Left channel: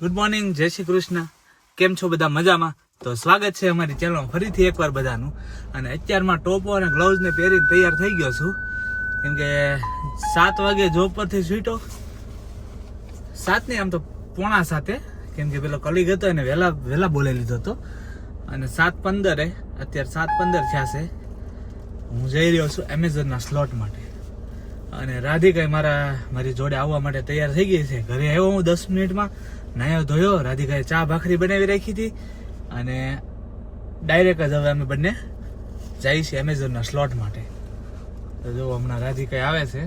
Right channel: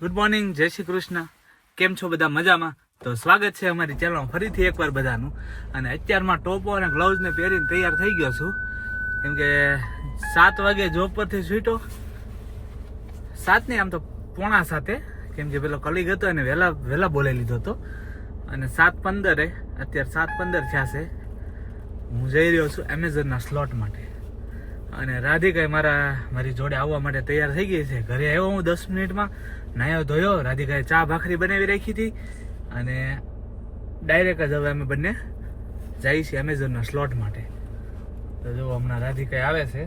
Good morning, જય શ્રી કૃષ્ણ. કેમ છો બધા? મજામાં? તો સ્વાગત છે અમારી ચેનલમાં ફરીથી એકવાર બધાનું. અને અત્યારમાં ટોપો અને ગ્લવ્સ ને પહેરીને તૈયાર થઈ ગયો છું, કેમ કે 7 વાગે જોબ પરથી છૂટો. 7 નહીં, આમ તો 6:45, કેમ કે પેલો કલીગ હતો એને વહેલા બોલાવી લીધો હતો. અને 7:15 અત્યારે 7:15 થયા છે. હું જઈ રહ્યો છું એમેઝોનના સ્લોટ માટે. અને રાધિકા મારી જોડે આવવા માટે તૈયાર થઈ ગઈ છે. ઘરે આવ્યો હું 10 મિનિટમાં, નાયો ધોયો. રાધિકાએ ચા ભાખરી બનાવી રાખી હતી અને ડાયરેક્ટ જ હવે અમે બંને જઈએ છીએ એમેઝોનના સ્લોટ માટે. તો જો હમણાં રાધિકા આવે છે,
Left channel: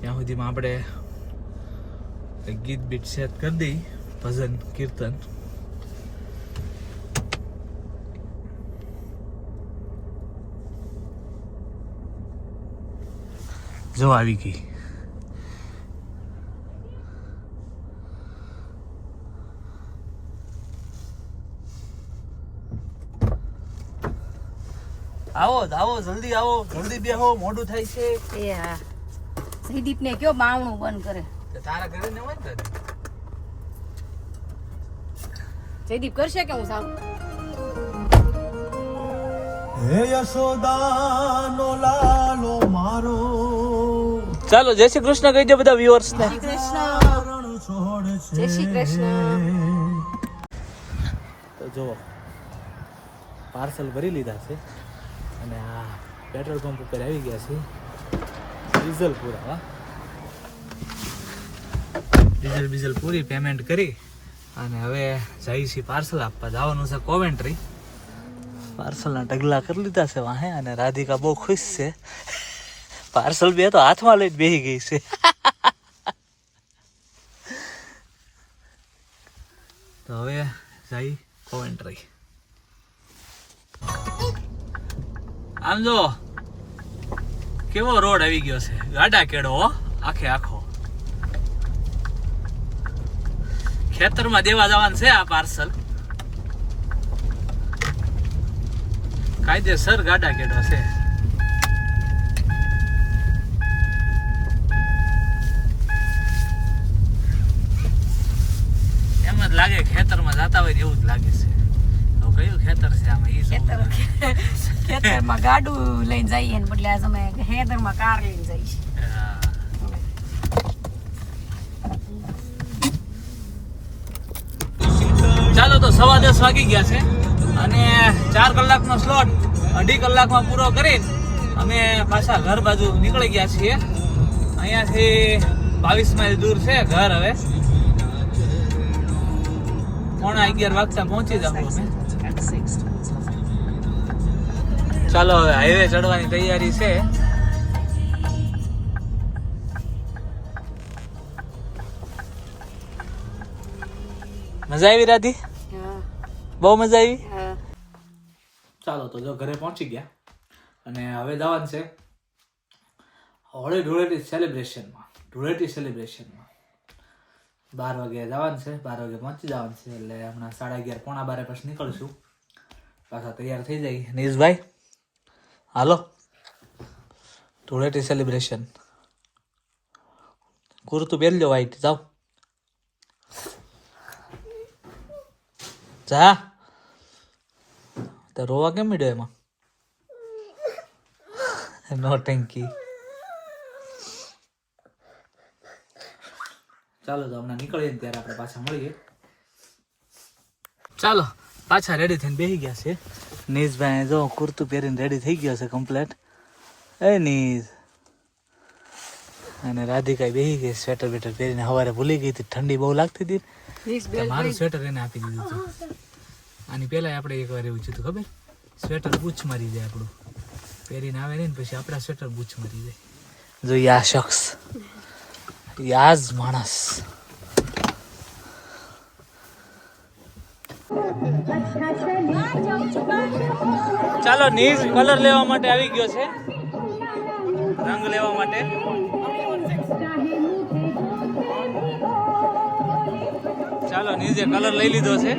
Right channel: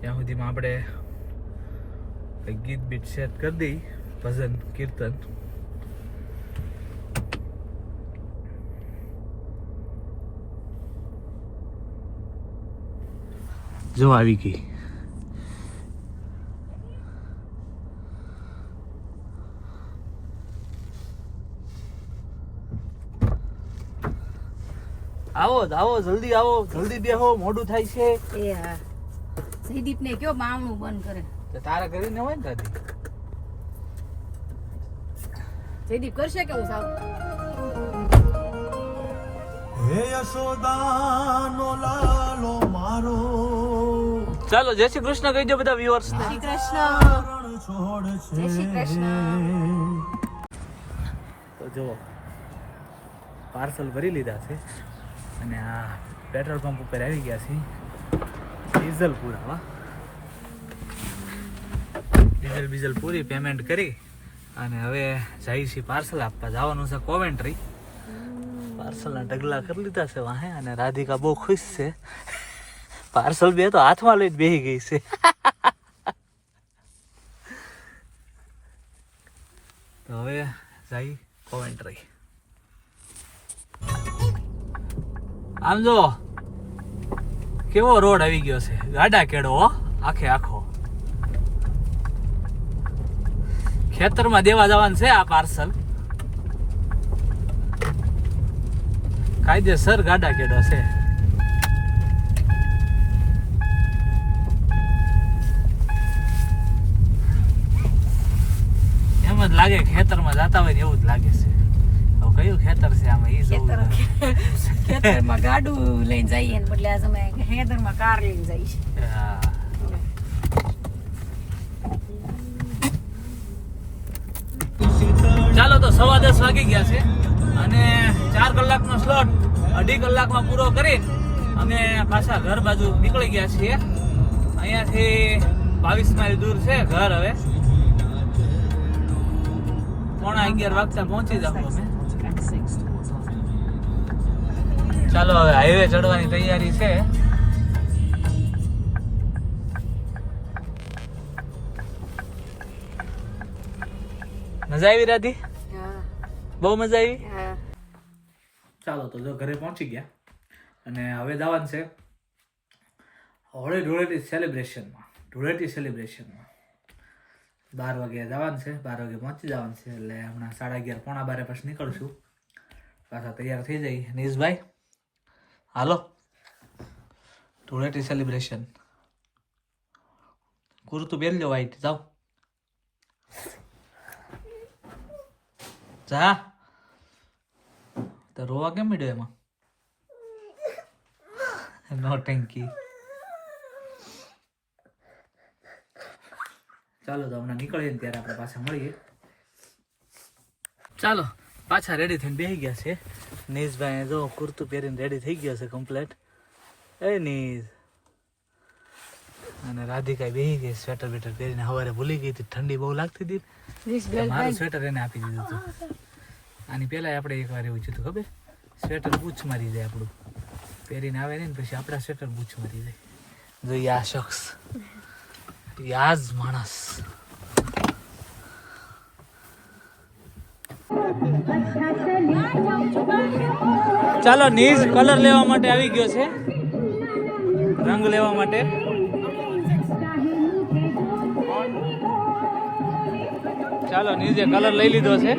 ત્યાં સુધીમાં આપણે ગીત બીટ સેટ કરી દઈ, ભજન કીર્તન. જો આવી ગઈ. આવો જલ્દી આવો, જલ્દી બેહો, મોડું થાય છે. એ હા, શ્રીદીપ ને કયો બાવણું બંધ કરે. તારે કરી ન હોય ને તારે. જયદીપ કરશે કે હું સાવ હે યશોદાનો લાલો મારો. ચાલો જય શ્રી કૃષ્ણ કહી દો બધા વ્યુઅર્સ ને. શ્રી કૃષ્ણ, જય શ્રી કૃષ્ણ. તો જો પાર્સલ ભરી લીધા છે અને આ પેટ્રોલ પંપ ઉપર આવી ગયા છે ડીઝલ પુરાવા. ડીઝલ પૂરી પેમેન્ટ કરી અને હવે જઈએ છીએ પાર્સલ આપવા. જવાનું છે કોવેન્ટ્રી. પાર્સલના ઢગલા કરી લીધા છે વાહે. અને રાધિકા બહુ ખુશ છે. પાર્સલ બે તો હાથમાં લઈને બેસી ગઈ છે. તો હવે જઈ કોવેન્ટ્રી. આમ જો કેવો રોડ આવી ગયો છે, ગાડા કેડો આખે આખો. ખેતરમાં દેવા જવાનું છે આ પાર્સલ. કાયદેસર ગાડા કેડો છે. એમ જ લાગે ખેતરમાં જતા હોય ને એવું જ લાગે છે. હવે કયું ખેતર છે આમાં એ જોવું. ખેતરમાં ગાડું લઈને જઈએ ને બદલે આજ અમે ખેતરમાં કાર લઈને જઈએ. ચાલો તો 10:15 વાગી ગયા છે અને 4 કલાકનો સ્લોટ 2.5 કલાકમાં પૂરો કરી અમે પાછા ઘર બાજુ નીકળી ગયા છીએ. અહીંયાથી 22 માઇલ દૂર છે ઘર. હવે 11:15 વાગતા પહોંચી જાવ અમે. ચાલો હવે હાઈવે ચડવાની તૈયારી છે. મજા આવી રાધી? બહુ મજા આવી. ચાલો તો જો ઘરે પહોંચી ગયા અને હવે જવાનું છે હોળી ધૂળેટી સેલિબ્રેશનમાં. 12 વાગે જવાનું છે, 12 વાગે પહોંચી જવાનું છે. એટલે હમણાં 11:30 પોણા 12 પછી નીકળશું. પાછા તૈયાર થઈ જાય. નીશભાઈ હાલો, ધૂળેટી સેલિબ્રેશન. કુર્તું પહેરી લો વાઈટ. જાઓ જા. તો રોવા કેમ મીડ્યો એમાં? નો ટેન્કી. ચાલો તો હમણાં નીકળીએ ને ત્યારે આપણે પાછા મળીએ. ચાલો પાછા રેડી થઈને બેસી ગયા છે. નીશભાઈ જો કુર્તું પહેરીને રેડી થઈ ગયા છે કમ્પ્લેટ. એ નીશ અને રાધિકા બેસી ગઈ સ્વેટર બેટર પહેરીને. સવારે ભૂલી ગઈ હતી, ઠંડી બહુ લાગતી હતી. મારું સ્વેટર એને આપી દીધું હતું. આની પહેલા આપણે એકવાર એવું થયું ખબર, સ્વેટર બૂચ મારી જાય આપણું. પહેરીને આવે નહીં ને પછી આપણા સ્વેટર બૂચ મારી જાય. જોઈએ આ શખ્સ, યાજ માણસ. ચાલો નીશ કલર લેવા માટે આવી ગયો છે, રંગ લેવા માટે. ચાલો નીચે કલર લઈ લીધો છે.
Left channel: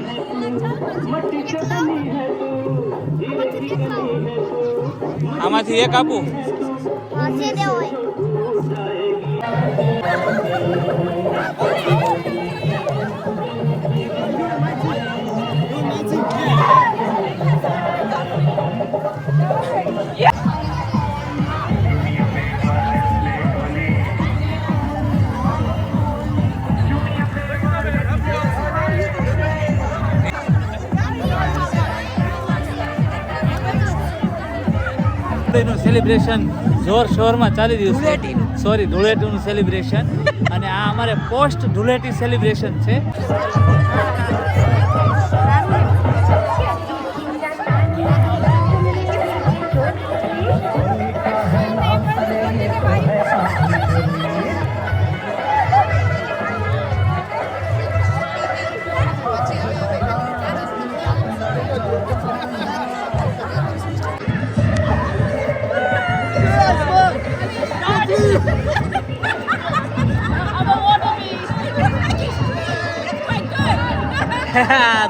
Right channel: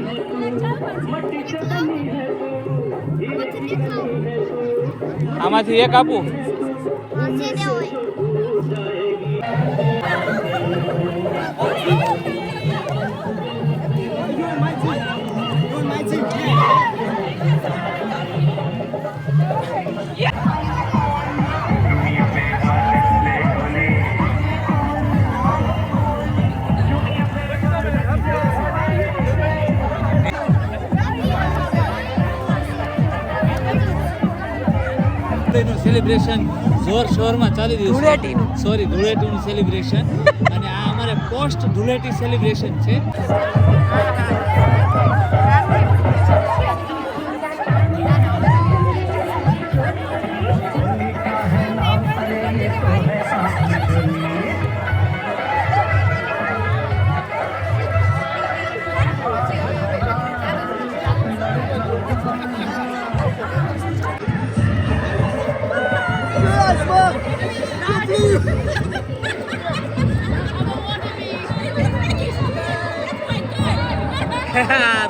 આમાંથી એક આપું. નું સેલિબ્રેશન જોર શોરમાં ચાલી રહ્યું છે. ધૂળેટીનું. સોરી, ધૂળેટીનું સેલિબ્રેશન. અને આ અમારે પોસ્ટ ધૂળેટી સેલિબ્રેશન છે.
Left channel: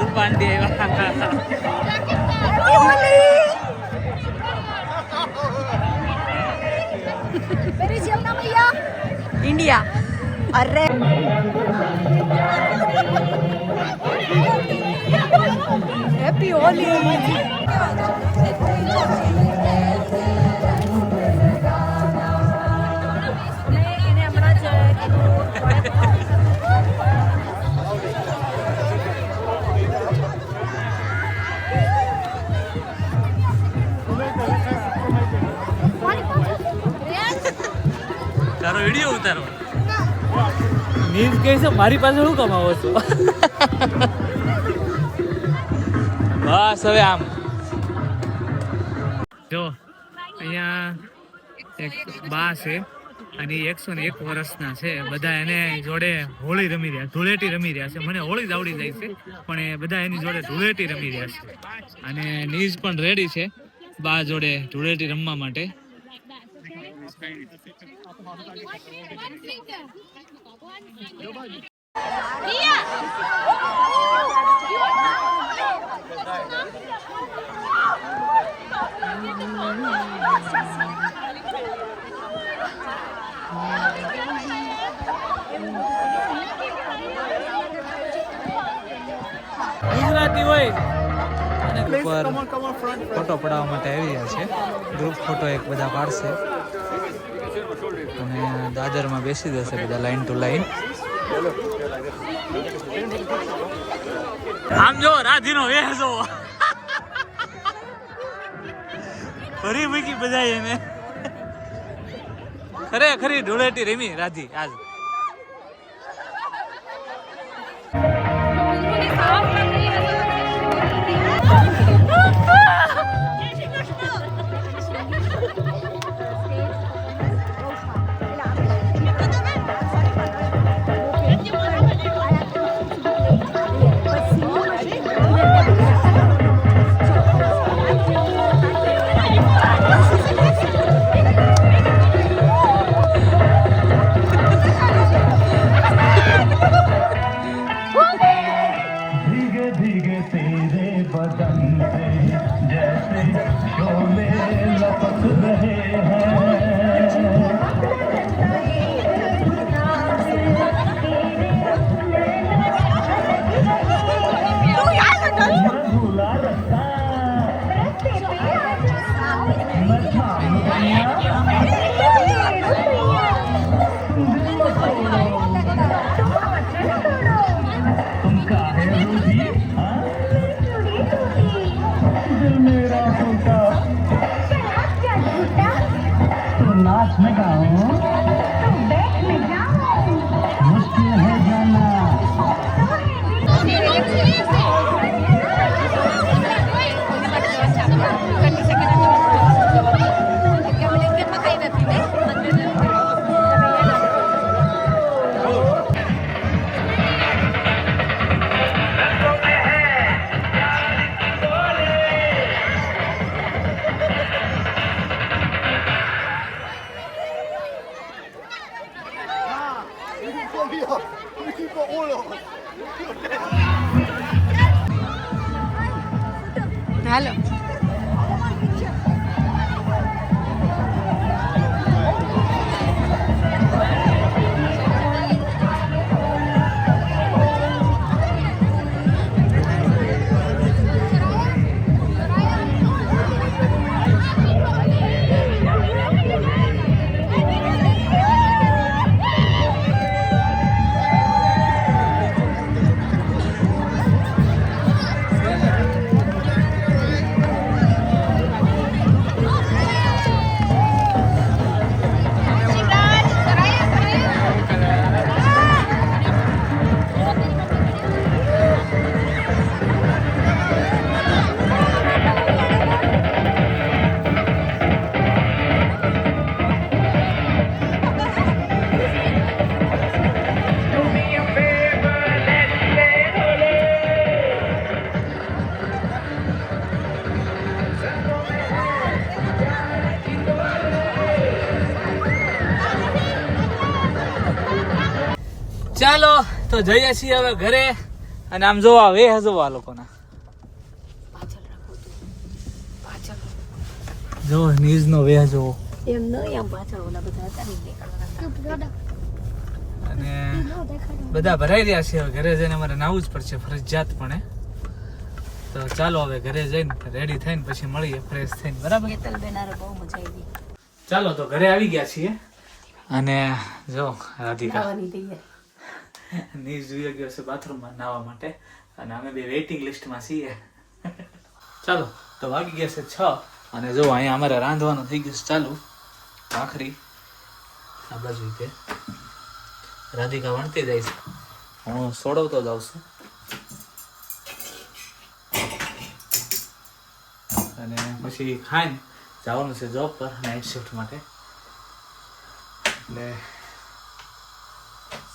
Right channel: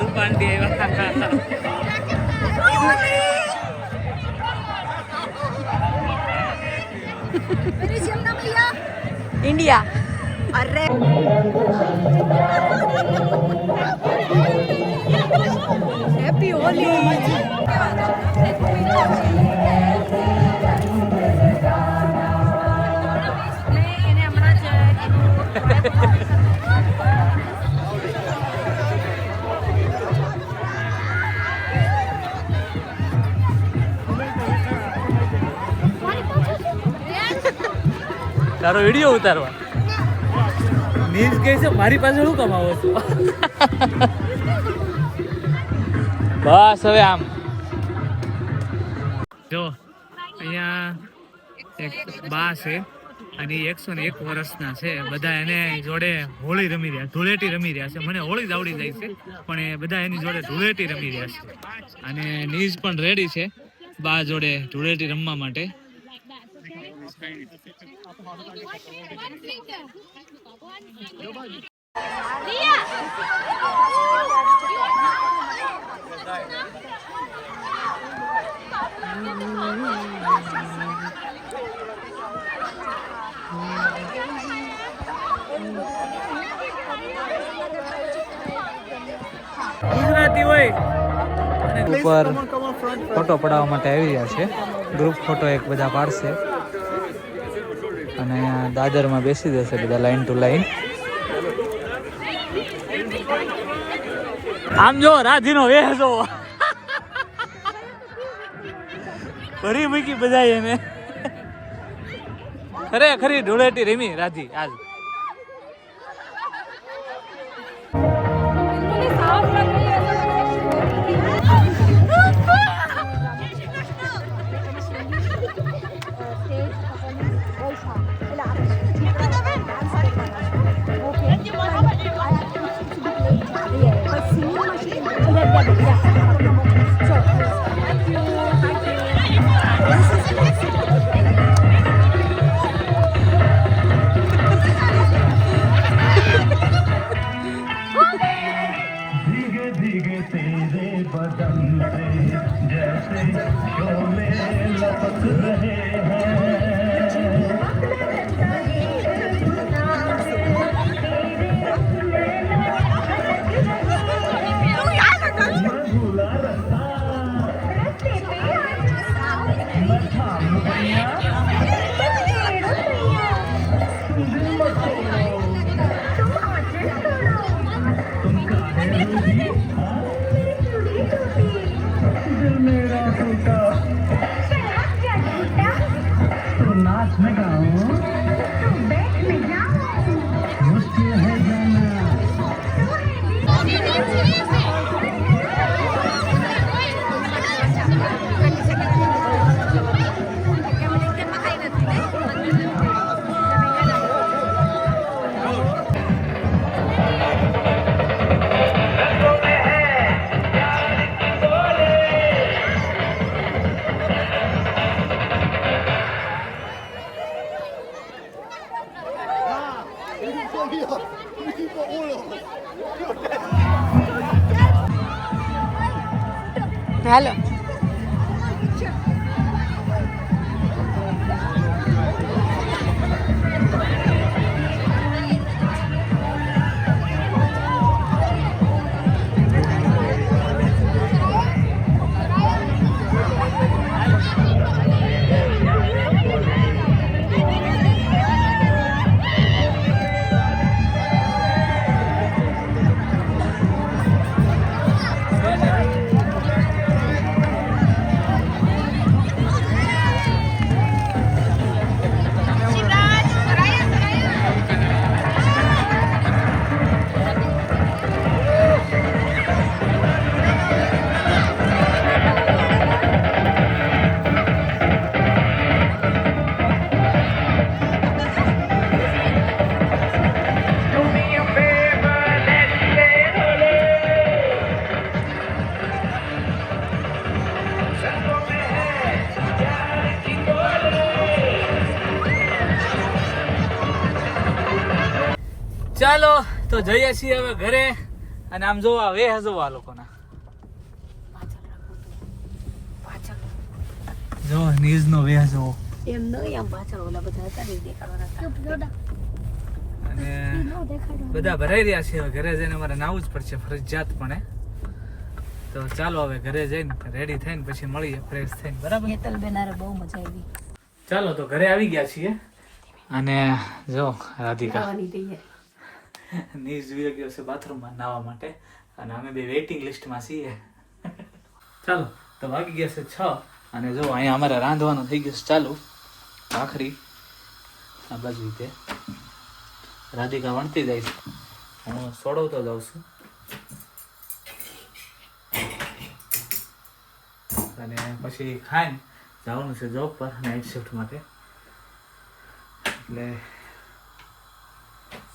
રૂપાંડી इंडिया अरे हैप्पी होली તારો વિડીયો ઉતારવા મીન્સ કહે છે મારી પાસે શું કમાવો છો. બસ હવે આમ જો અહીંયા એક બા છે અને 101 વર્ષના છે. બધા એને જોડે હોળી રમી રહ્યા, ધૂળેટી રમી રહ્યા છે. મને હોળી જ આવડી જાય છે પણ એ બધા એની જોડે ધૂળેટી રમી રહ્યા છે. અને નીઝ પણ રેડી છે બા જોડે ધૂળેટી રમવા માટે. ગુજરાતી હોય અને ઉપર ફોટો પડાવવા માટે આવી રહ્યા છે. ગ્રુપ ફોટો એક બધા પાડશે અને દાદરમાં બેસી જશે બધા લાઈન ટુ લાઈન. આમ જો રાધીનો વેહ જો ભરી મૂકી બધા એને. ખરેખરી ધૂળેટી રમી રાધી આજ. હાલો ચાલો તો જઈએ છીએ હવે ઘરે. અને આમ જો આ વેહ જો આ લોકોના જો નીઝ નો વેહ જો. એમ નહીં આમ પાછળ ઓલા બધા હતા ને દેખાડવાના. અને બધા ભરાઈ રહ્યા છે. હવે ઘરે જઈને અમારે નાવું જ પડશે ફરજિયાતપણે. તો ચાલો હવે ઘરે જઈને રેડી થઈને પછી મળીએ ફ્રેશ થઈને, બરાબર? હેતલબેન હારે બહુ મજા આવી. ચાલો તો ઘરે આવી ગયા છીએ. અને જો રાધિકા ખાવાની તૈયાર. નીઝ જોઈ ગયો છે બાથરૂમમાં નાવા માટે. અને અમે બે વેઇટિંગ લિસ્ટમાં છીએ. ચાલો તો વાગી ગયા છે 6. અને જો અહીંયા અમારે રાંધવાનું થઈ ગયું છે ચાલુ. ભાખરી આ બાજુ છે. રાધિકા વણતી જાય છે, હું સોડવતો જાઉં છું. અને પછી ખાઈને જવાનું છે જોબ પર નાઇટ શિફ્ટ માટે. એટલે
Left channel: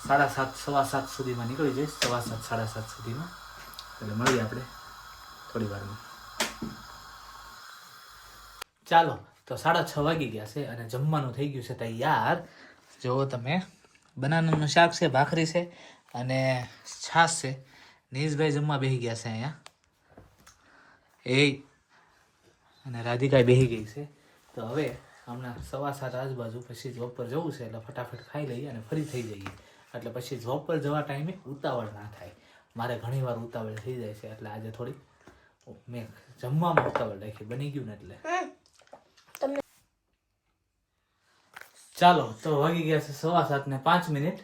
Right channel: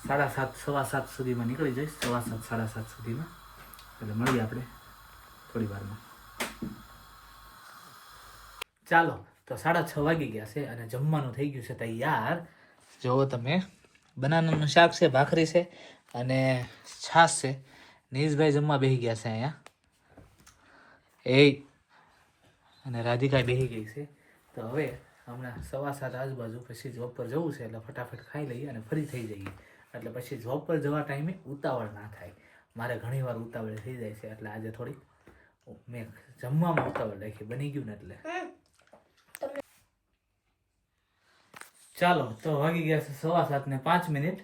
7:30 7:15 સુધીમાં નીકળી જઈશ. 7:15 7:30 સુધીમાં. એટલે મળીએ આપણે થોડી વારમાં. ચાલો તો 6:30 વાગી ગયા છે અને જમવાનું થઈ ગયું છે તૈયાર. જુઓ તમે, બનાનાનું શાક છે, ભાખરી છે અને છાશ છે. નીશભાઈ જમવા બેસી ગયા છે અહીંયા. અને રાધિકા બેસી ગઈ છે. તો હવે હમણાં 7:15 આજુબાજુ પછી જોબ પર જવું છે એટલે ફટાફટ ખાઈ લઈએ અને ફરી થઈ જઈએ. એટલે પછી જોબ પર જવા ટાઈમે ઉતાવળ ના થાય. મારે ઘણીવાર ઉતાવળ થઈ જાય છે એટલે આજે થોડીક મેં જમવામાં ઉતાવળ રાખી, બની ગયું ને એટલે. ચાલો તો વાગી ગયા છે 7:15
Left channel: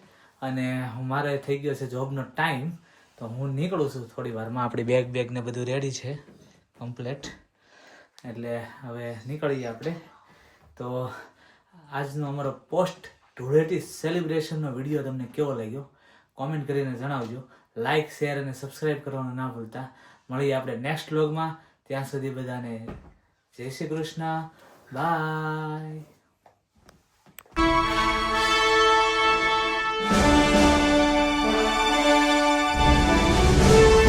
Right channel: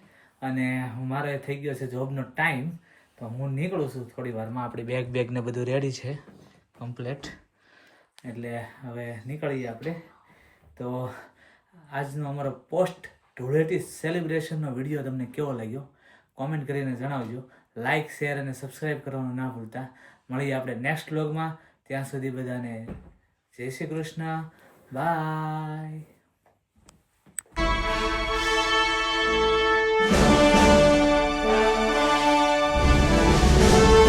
અને મારે થઈ ગયો છે જોબનો ટાઈમ. તો હું નીકળું છું થોડી વારમાં. આપણી બેગ ને બધું રેડી છે કમ્પ્લેટ. એટલે હવે નીકળીએ આપણે. તો આજનો અમારો પોસ્ટ ધૂળેટી સેલિબ્રેશનનો વિડીયો તમને કેવો લાગ્યો કોમેન્ટ કરીને જણાવજો. લાઇક, શેર અને સબસ્ક્રાઈબ કરવાનું ના ભૂલતા. મળીએ આપણે નેક્સ્ટ વ્લોગમાં. ત્યાં સુધી બધાને જય શ્રી કૃષ્ણ. બાય.